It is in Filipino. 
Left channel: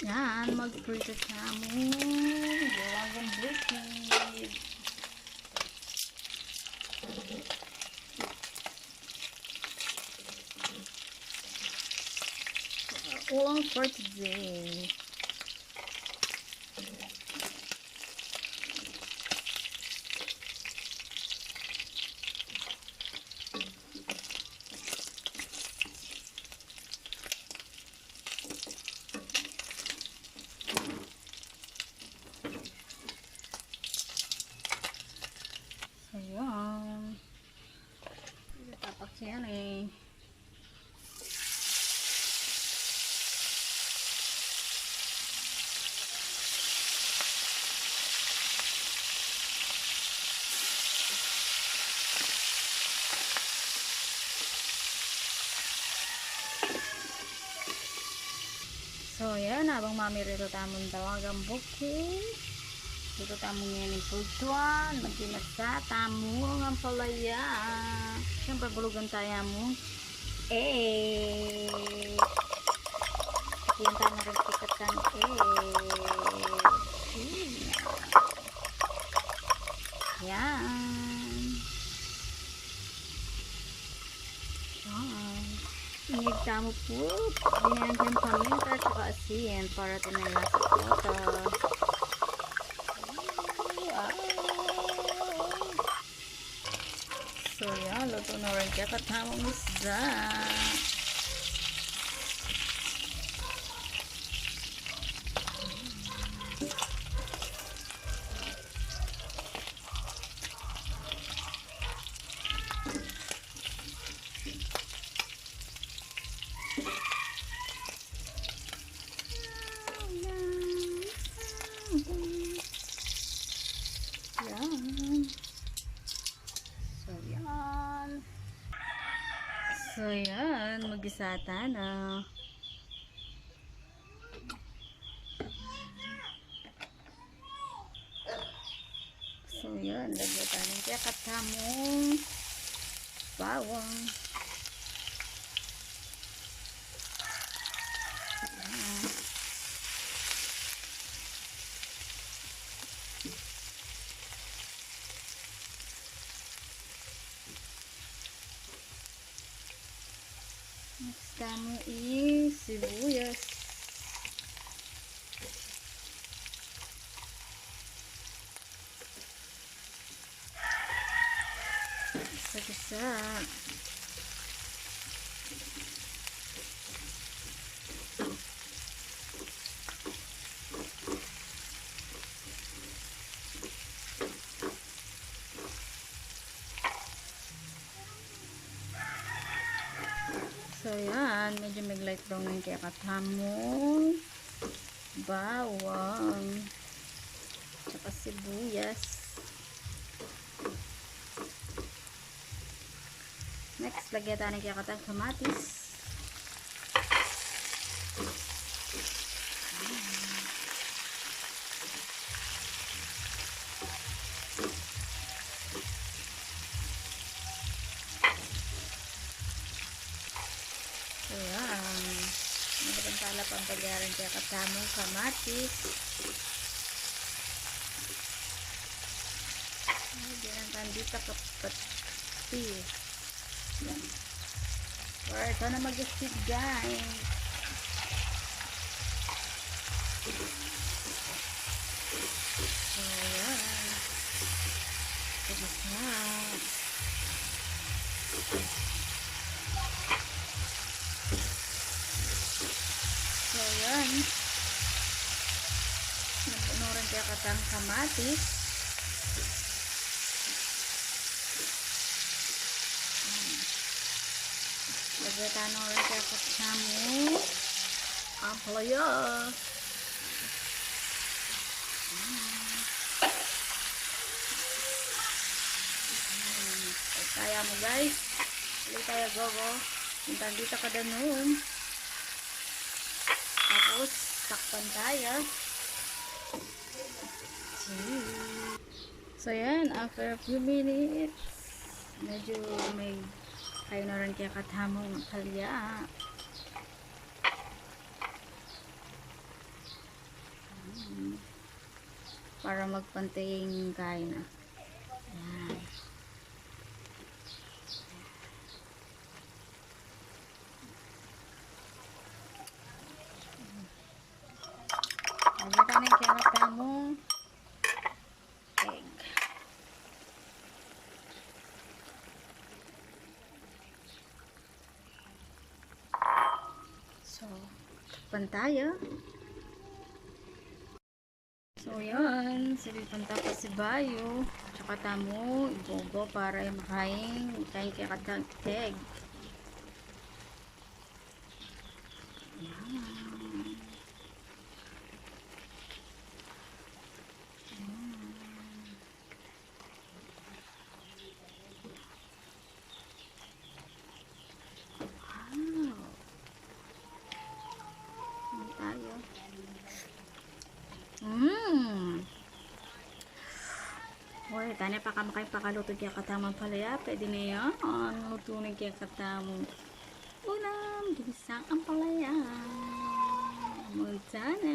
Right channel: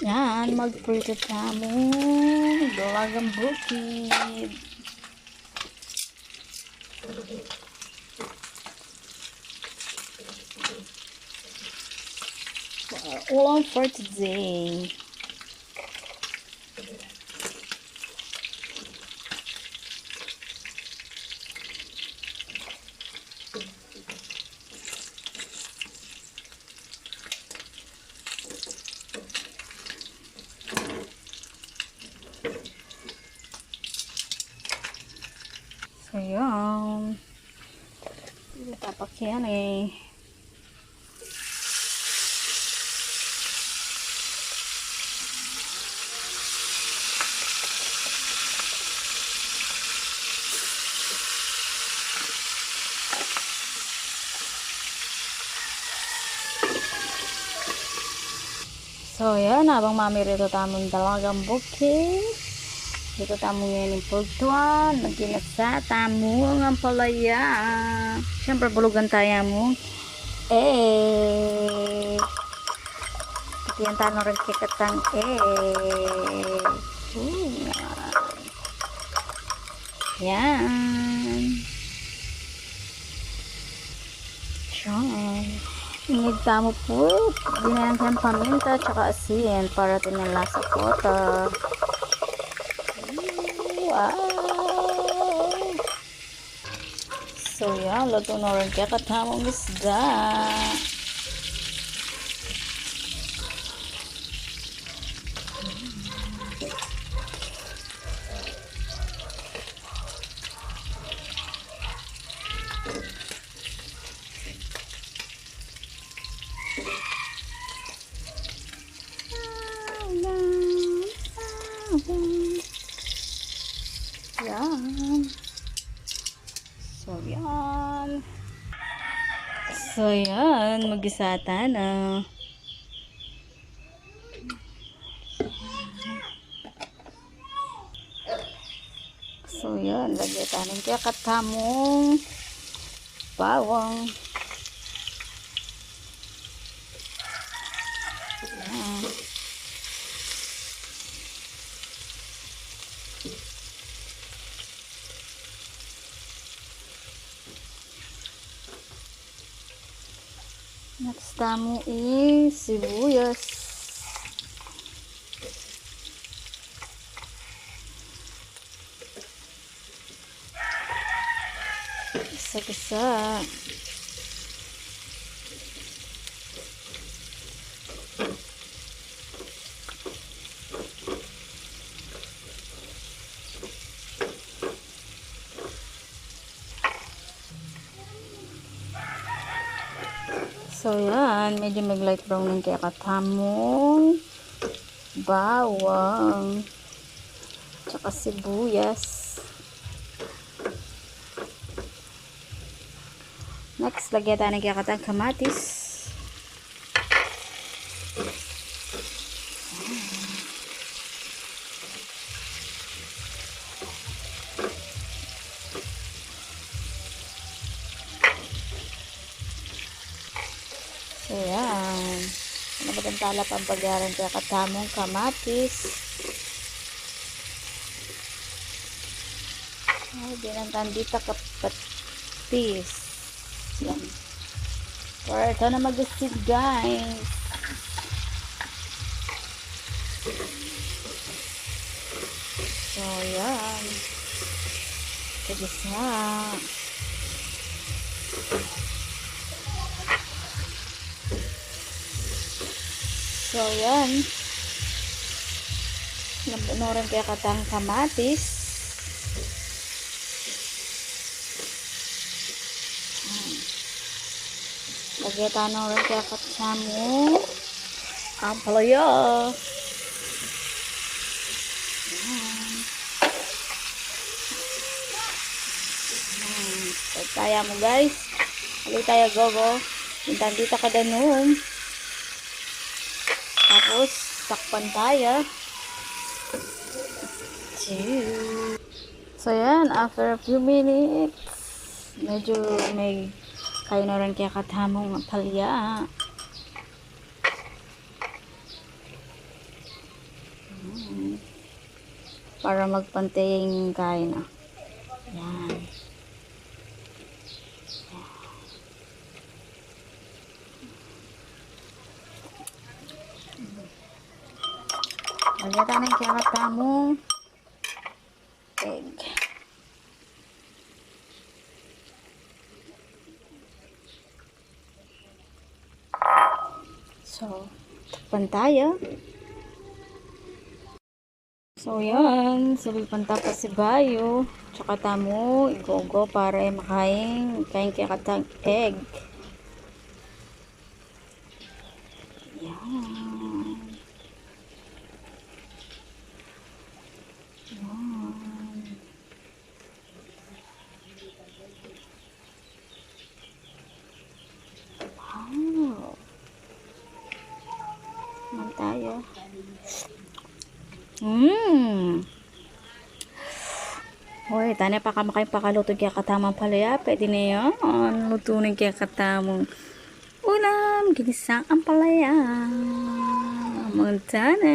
Yan, magprito tamo. Dalagang bukid. Ulam for today. So, yan. Tapak yan eh. So, yan. Habang mami rito tamong dalagang bukid. Dito tamo ngayon yung pagtuan. Magkinasa tamo ng palaya. Siyempre, bulugan tayo mo. Yan tayo rin kikatang Yan. Yan. Inigtamo po. Ginayang siyang paminta tsaka asin para tinala sa kota. Wow. So yan, luto na rin kaya katamong isda. Yan. So, yan. So, yan. Mag-isata na. So, yan. Lagyan tayo kaya katamong bawang. Yan. Next tamo is sibuyas. Gisa-gisa. So, yan. Medyo mag-light brown ng kaya katamong bawang. Tsaka sibuyas. Next, lagyan tayo ng kaya katang kamatis. So, yan. Nabagantala pang pagyaran kaya katamong kamatis. Ay, dinantan dito kapatis. Yan. So, ito na mag-isig, guys. So, yan. Kagisa. So, yan. Napuno rin kaya katang kamatis. Lagyan tayo rin kaya katamo ang palaya. Kaya mo, guys. Hali tayo, go. Hintang dito ka danom. Tapos, sakpan tayo. So, yan. After a few minutes, medyo may kaya na rin kaya katamong palya. para magpantay yung kain na. Yan. Lagyan tayo ng kinakamong egg. So, takpan tayo. So, yan. Silipan tapos si Bayo. Tsaka tamo, igogo para makain. Kain kaya katang egg. Yan. Yan. Wow. Naman tayo. Hoy, tanya pa ka makaluto kaya katamang palaya. Pwede na yan. Lutunin kaya katamang ulam. Ginisang ang palaya. Montana.